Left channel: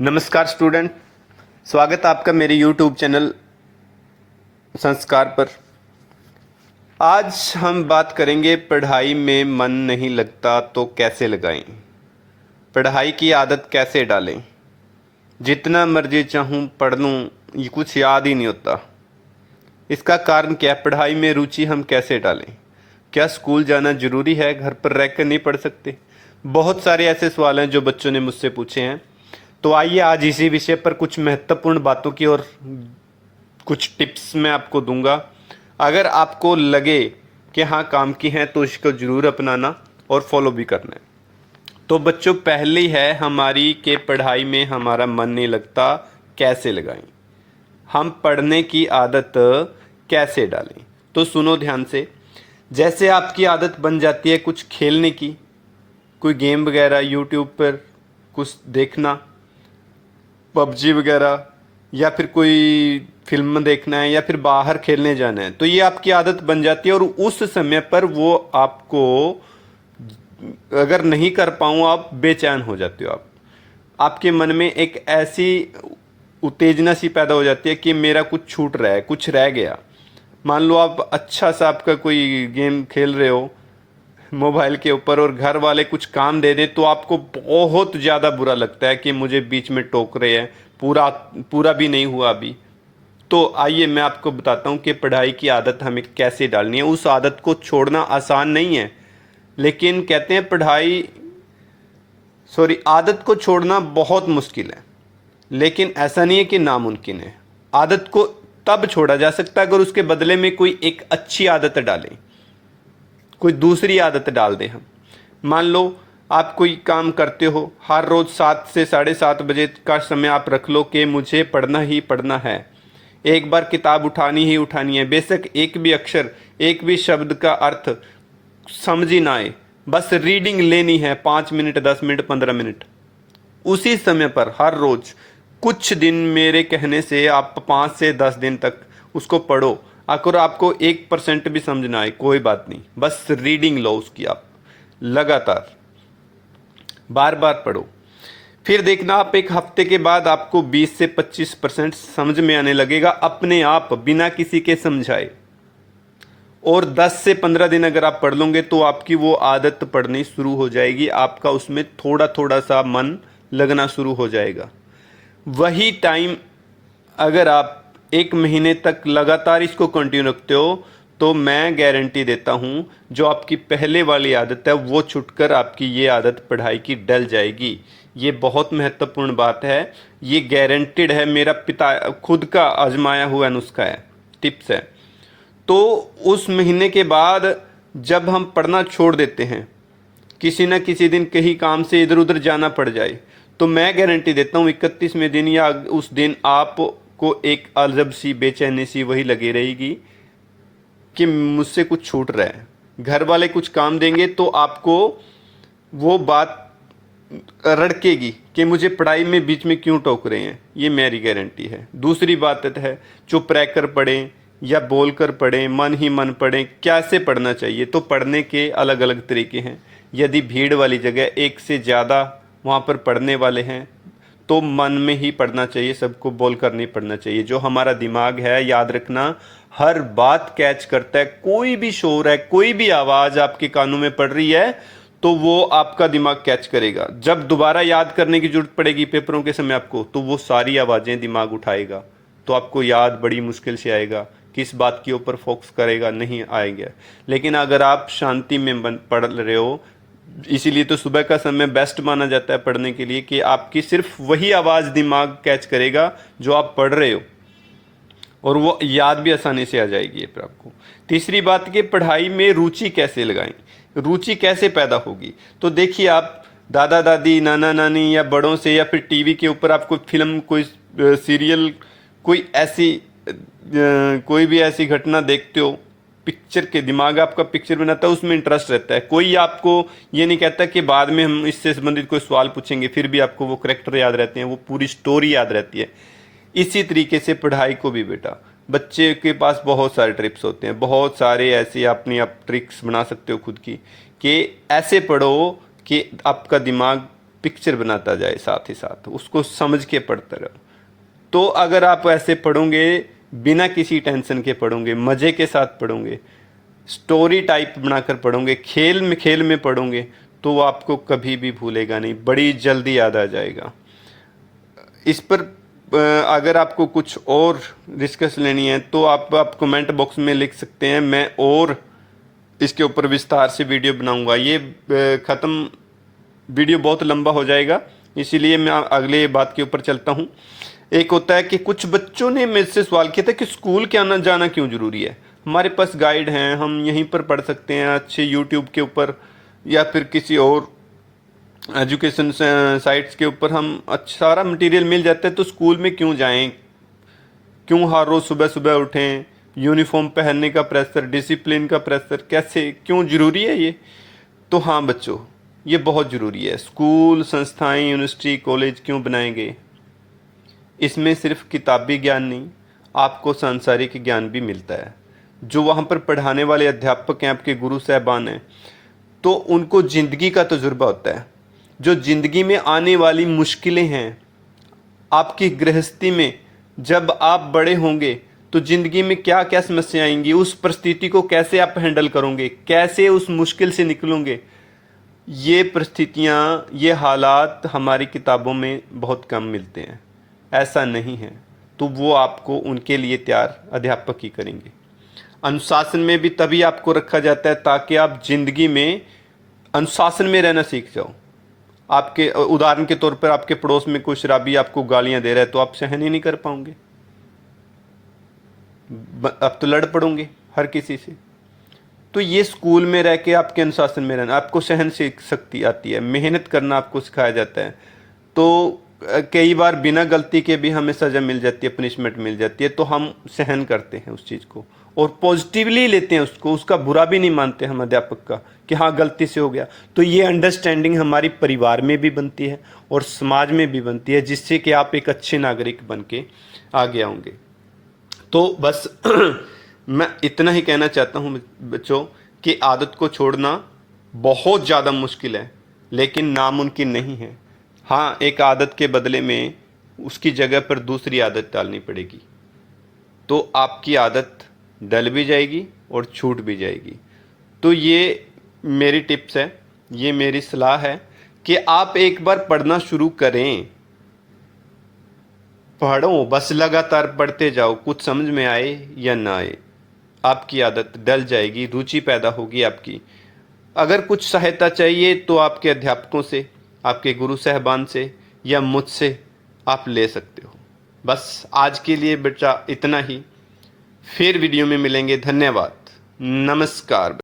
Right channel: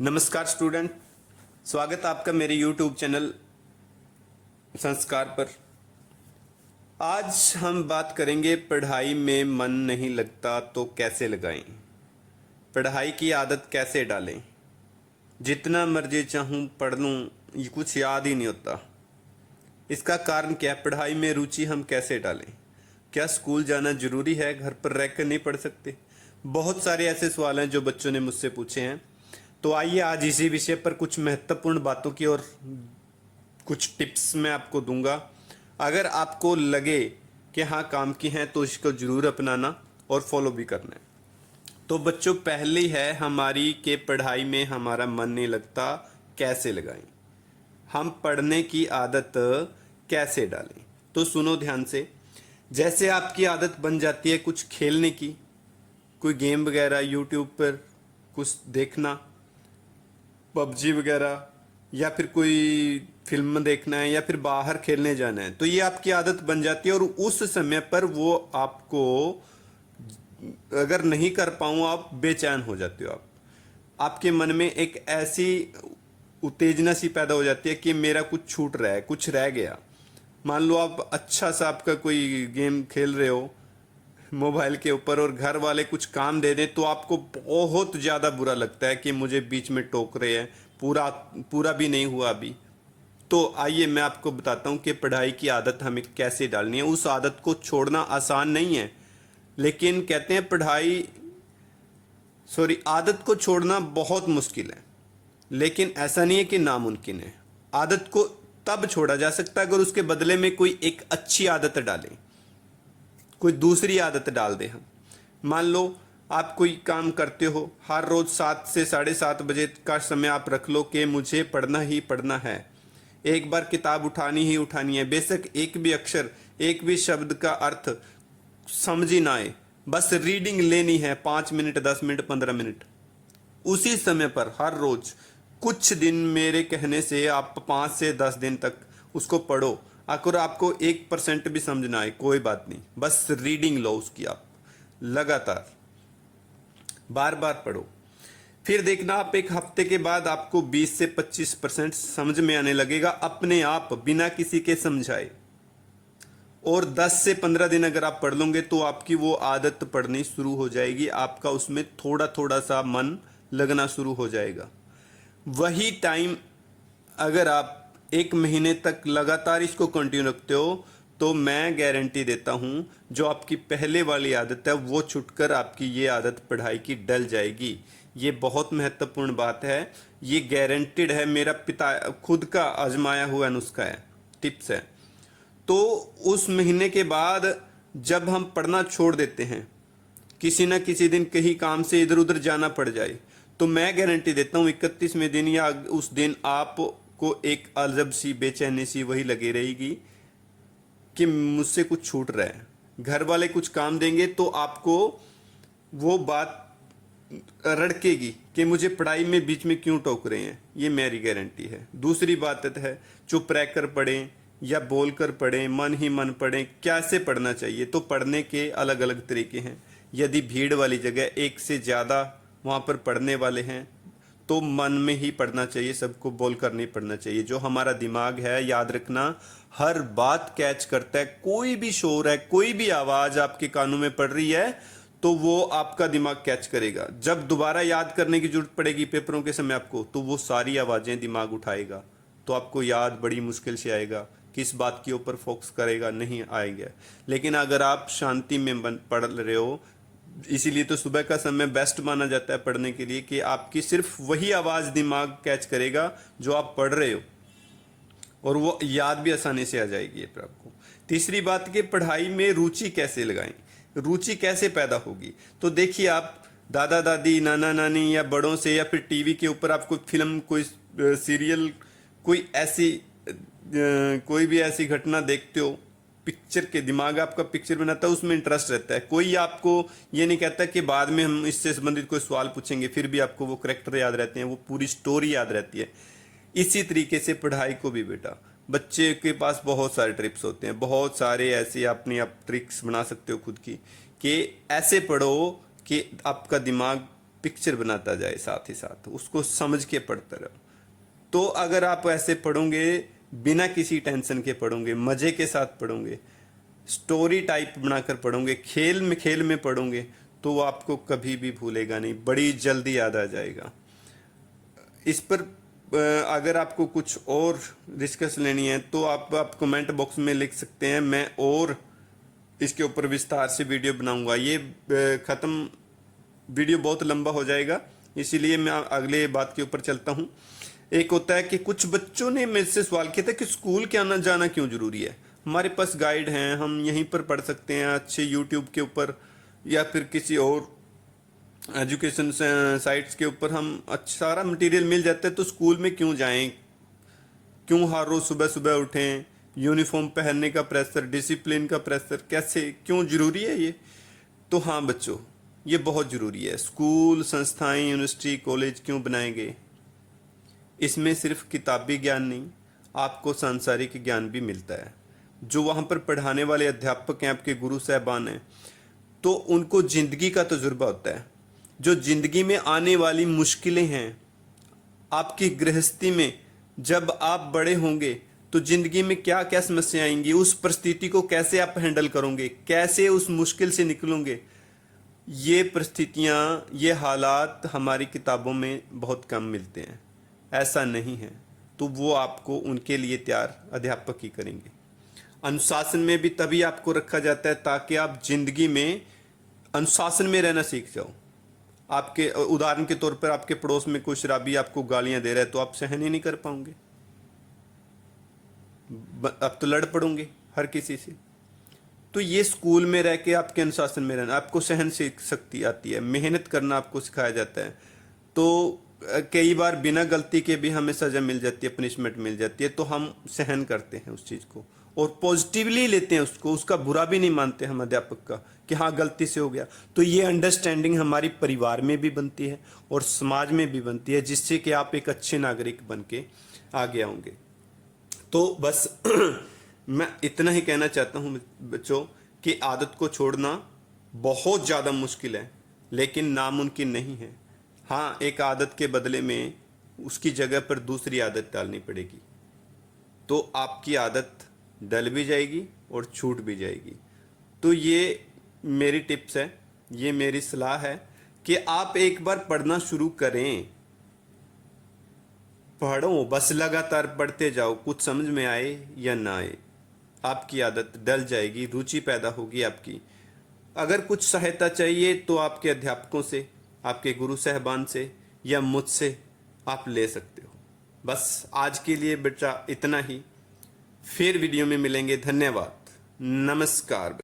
नमस्कार स्टूडेंट, स्वागत है आपका मेरे YouTube चैनल संस्कार पर। आज हम बात करेंगे पढ़ाई में मन नहीं लगता तो कैसे लगाएं, पढ़ाई की आदत कैसे डालें। जितना मर्जी चाहूँ पढ़ लूँ, ये कुछ याद ही नहीं होता। इसका कारण क्या है? पढ़ाई में रुचि हम कैसे डालें? क्या स्कूल जाना जरूरी है? घर पर रहकर नहीं पढ़ सकते? बहुत सारे ऐसे सवाल हैं जो बच्चों ने मुझसे पूछे हैं। तो आइए आज इसी विषय पर कुछ महत्वपूर्ण बातों की और कुछ टिप्स मैं आपको दूंगा। अगर आपको लगे कि हाँ काम की हैं तो इसको ज़रूर अपनाना और फॉलो भी करना है। तो बच्चों, पहली है हमारी कि पढ़ाई में हमारा मन नहीं लगता, कैसे लगाएं? हम पढ़ने की आदत कैसे डालें? तो सुनो ध्यान से। जैसे आपकी आदत बन जाती है कुछ खेलने की, कोई गेम वगैरह यूट्यूब पर कुछ देखना, पबजी वगैरह, या फिर कोई फिल्म देखना है, या फिर बाहर खेलने जाना है, तो ये आपकी आदत बन जाती है। और उस समय पर वो आपको अगर नहीं कर पाऊँ आप बेचैन हो जाते हो। आपके मन में एक ऐसी उत्तेजना सी पैदा हो जाती है कि मेरा कुछ छूट रहा है, कुछ रह गया। मान लो आप अच्छा सा आपका कोई गेम खेल रहे हो मोबाइल के ऊपर और घर वाले कुछ काम दे दें तो आपको बहुत ज़्यादा बुरा लगता है कि मुझे बीच में टोक रहे हैं, पूरा पूरा भी नहीं हुआ अभी। तो आइए मैं आपको बताता हूँ कि पढ़ाई की आदत हमें कैसे डालनी है। उस आदत को छोड़ना आसान नहीं है, लेकिन कहते हैं आदत को छोड़ना बहुत मुश्किल है, लेकिन ऐसा नहीं है कि नामुमकिन है। आदत को तब छोड़ा जा सकता है अगर उसके बदले में कोई एक अच्छी आदत डालें, कोई दूसरी आदत डाल दें हम। मान लो आप कोई काम करते हो, हर रोज़ 7 से 7:30 बजे का समय आप रख लो कि मुझे पढ़ना ही पढ़ना है। एक बार किताब उठानी ही उठानी है, बेशक एक भी अक्षर, एक भी शब्द का अर्थ समझ ही ना आए, बस रीडिंग लेनी है। 5 मिनट, 10 मिनट, 15 मिनट उसी समय पर हर रोज़ कुछ दिन, मेरे कहने से आप 5 से 10 दिन तक उसको पढ़ो। अगर आपको 1% भी समझ ना आए कोई बात नहीं, बस रीडिंग लो उसकी, आप लगातार बार बार पढ़ो। फिर देखना आप एक हफ्ते के बाद आपको 20 से 25% समझ में आने लगेगा अपने आप, बिना किसी के समझाए। और 10 से 15 दिन अगर आप पढ़ लोगे तो आपकी वो आदत पढ़नी शुरू हो जाएगी, आपका उसमें थोड़ा थोड़ा सा मन लगना शुरू हो जाएगा। वही टाइम अगर आप 1 महीने तक लगातार इसको कंटिन्यू रखते हो तो मैं गारंटी देता हूँ जो आपकी पहले वाली आदत है वो छुटकर आपकी ये आदत पढ़ाई की डल जाएगी। ये बहुत महत्वपूर्ण बात है, ये गारंटेड है, मेरा पिता खुद का आजमाया हुआ नुस्खा है, टिप्स है। तो उस महीने के बाद जब हम पढ़ना छोड़ देते हैं, किसी न किसी दिन कहीं काम से इधर उधर जाना पड़ जाए, तो मैं गारंटी देता हूँ 31वें दिन या उस दिन आपको एक अजब सी बेचैनी सी वही लगी रहेगी कि मुझसे कुछ छूट रहा है। घर वाले कुछ काम देंगे तो आपको वो बात रड़केगी कि मुझे पढ़ाई में बीच में क्यों टोक रहे हैं, ये मेरी गारंटी है। दूसरी बात है, चुप रहकर पढ़ें या बोलकर पढ़ें, मन ही मन पढ़ें। कैसे पढ़ना चाहिए? तो पढ़ने के अलग अलग तरीके हैं। यदि भीड़ वाली जगह एक से ज़्यादा वहाँ पर पढ़ने वाले हैं तो मन में ही पढ़ना चाहिए, सबको बोल कर नहीं पढ़ना चाहिए। जो हमारा दिमाग है, याद रखना, हर बात कैच करता है। कोई भी शोर है, कोई भी आवाज़ आपके कानों में पड़ रही है तो वो आपका दिमाग कैच करेगा। जब दोबारा याद करने की जरूरत पड़ेगी पेपरों के समय आपको, तो वो सारी आवाज़ें दिमाग उठाएगा, तो आपको याद बड़ी मुश्किल से आएगा। किस बात के ऊपर फोकस करेगा, नहीं आएगा। लेकिन अगर आप शांति में पढ़ रहे हो, इसीलिए तो सुबह का समय बेस्ट माना जाता है पढ़ने के लिए, कि आपकी सिर्फ वही आवाज़ दिमाग कैच करेगा जो आप पढ़ रहे हो, और वो याद भी आसानी से आ जाएगी फिर आपको। तीसरी बात कि पढ़ाई में रुचि कैसे लगाएं, रुचि कैसे पैदा होगी? तो देखिए, आप दादा दादी, नाना नानी या बड़ों से, या फिर टीवी के ऊपर आप कोई फिल्म, कोई सीरियल, कोई ऐसी कोई भी ऐसी घटना देखते हो, पिक्चर के दिमाग आपका पिक्चर बनाता है, उसमें इंटरेस्ट रहता है। कोई आपको ये नहीं कहता कि बाद में हम इससे संबंधित कोई सवाल पूछेंगे, फिर भी आपको वो करेक्टर याद रहते हैं, वो पूरी स्टोरी याद रहती है। इसी तरीके से पढ़ाई को भी बेटा, बच्चे के पास बहुत सारे ट्रिप्स होते हैं, बहुत सारे ऐसे अपनी आप ट्रिक्स बना सकते हो खुद की, कि ऐसे पढ़ो कि आपका दिमाग पिक्चर बनाता जाए, साथ ही साथ उसको समझ के पढ़ता रहो। तो अगर आप ऐसे पढ़ोगे, बिना किसी टेंशन के पढ़ोगे, मज़े के साथ पढ़ोगे, स्टोरी टाइप बनाकर पढ़ोगे, खेल में पढ़ोगे, तो वो आपको कभी भी भूलेगा नहीं, बड़ी जल्दी याद आ जाएगा। इस पर अगर आपको कुछ और डिस्कस लेनी है तो आप कमेंट बॉक्स में लिख सकते हैं, मैं और इसके ऊपर विस्तार से वीडियो बनाऊंगा। ये वीडियो बहुत लंबा हो जाएगा, इसीलिए मैं अगले बात के ऊपर चलता हूँ। एक होता है कि कुछ बच्चों ने मेरे से सवाल किया था कि स्कूल के आना जाना क्यों ज़रूरी है। हमारे पास गाइड हैं, हम यहीं पर पढ़ सकते हैं अच्छे यूट्यूब के ऊपर या फिर किसी और एजुकेशन साइट्स के ऊपर हम अच्छा सारा मटेरियल मिल जाता है, तो स्कूल में क्यों जाएं, क्यों हर रोज़ सुबह सुबह उठें, यूनिफॉर्म पहनने का प्रेशर, डिसिप्लिन का प्रेशर, कैसे क्यों ज़रूरी है ये। तो हाँ बच्चों, ये बहुत ज़रूरी है। स्कूल, संस्थाएं, यूनिवर्सिटी, कॉलेज क्यों बनाए गए? इसमें सिर्फ किताबी ज्ञान नहीं, आपको सांसारिक ज्ञान भी मिलता है। जो वहाँ पर पढ़ाने वाले अध्यापक हैं, आपके गुरु साहबान हैं, तो उनको ज़िंदगी का तजुर्बा होता है। जो ज़िंदगी में आने वाली मुश्किलें हैं, आपकी गृहस्थी में जब आप बड़े होंगे तो ज़िंदगी में क्या क्या समस्या आएंगी, उस परिस्थिति को कैसे आप हैंडल करोगे, कैसे उस मुश्किल से निकलोगे, ये परिस्थितियाँ, ये हालात हमारी किताबों में बहुत कम मिलते हैं। ऐसा नहीं है, तो वो आपको उनके लिए तैयार अध्यापक ही करेंगे। अनुशासन में भी तभी आपको रखा जाता है ताकि आप जिंदगी में अनुशासन में रहना सीख जाओ। आपके उदाहरण के तौर पर आपके पड़ोस में कोई शराबी आपको गालियां दे रहा है, तो आप सहन ही नहीं कर पाओगे, आप तो लड़ पड़ोगे हर किसी से। तो ये स्कूल में रह के आपके अनुशासन में रहना, आपको सहन शक्ति आती है, मेहनत करना आपको सिखाया जाता है। तो कई बार बिना गलती के भी हमें सज़ा मिल जाती है, पनिशमेंट मिल जाती है, तो हम सहन करते हैं उस चीज़ को और पॉजिटिवली लेते हैं उसको, उसका बुरा भी नहीं मानते हम अध्यापक का कि हाँ गलती से हो गया। तो ये अंडरस्टैंडिंग हमारी परिवार में भी बनती है और समाज में भी बनती है, जिससे कि आप एक अच्छे नागरिक बन के आगे आओगे। तो बस मैं इतना ही कहना चाहता हूँ बच्चों कि आदत को छोड़ना बहुत ज़्यादा मुश्किल है, लेकिन नामुमकिन नहीं है। हाँ, एक आदत के बदले में उसकी जगह पर दूसरी आदत डालनी पड़ेगी, तो आपकी आदत डल भी जाएगी और छूट भी जाएगी। तो ये मेरी टिप्स है, ये मेरी सलाह है कि आप एक बार पढ़ना शुरू करें, पढ़ो, बस लगातार पढ़ते जाओ, कुछ समझ में आए या ना आए, आपकी आदत डल जाएगी, रुचि पैदा होगी आपकी। अगर कुछ सहायता चाहिए तो आपके अध्यापकों से, आपके गुरु साहबान से या मुझसे आप ले सकते हो। बस आज के लिए बेटा इतना ही, फिर वीडियो में मिलेंगे। धन्यवाद, नमस्कार।